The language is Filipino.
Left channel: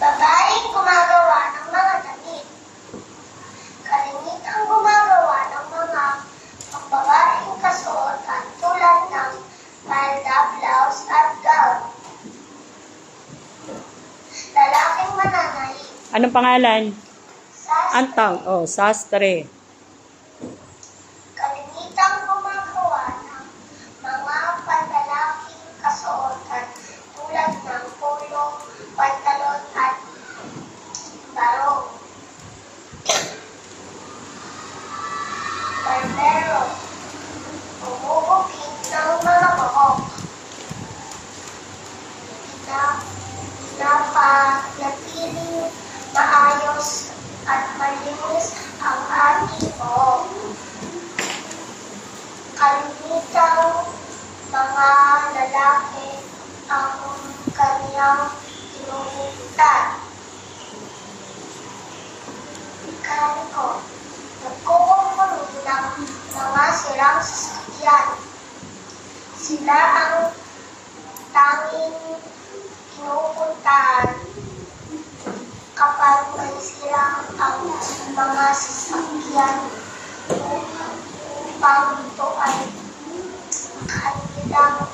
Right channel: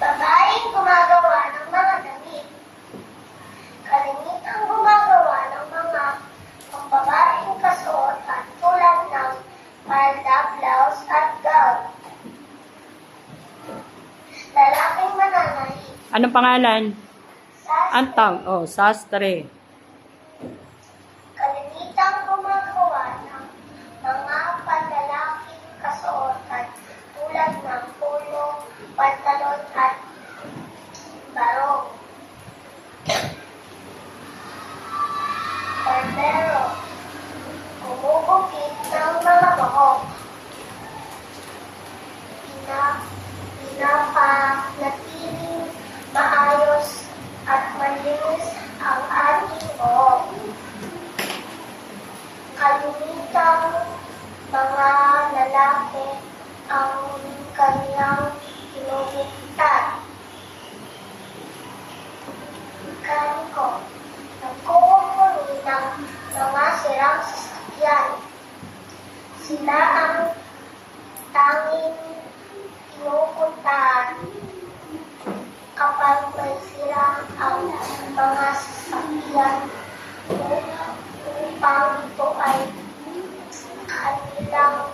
Babaeng gumagawa ng mga damit. Kalimitang gumagawa ng mga pambabaeng kasuotan tulad ng palda, blouse at gown. Lalaking mananahi. Anong pangalan? Sastre. Antang. Oh, sastre. Kalimitang gumagawa ng mga panlalaking kasuotan tulad ng polo, pantalon at barong. Barbero. Umubukit ng mga buhok. Pinapanatiling maayos at malinis ang ating buhok. Kalimitang mga lalaki ang kanilang kinukupitan. Mekaniko. Nagkukumpuni ng mga sirang sasakyan. Sila ang tanging kinupuntahan kapag may sira ang mga sasakyan upang ito ay kanilang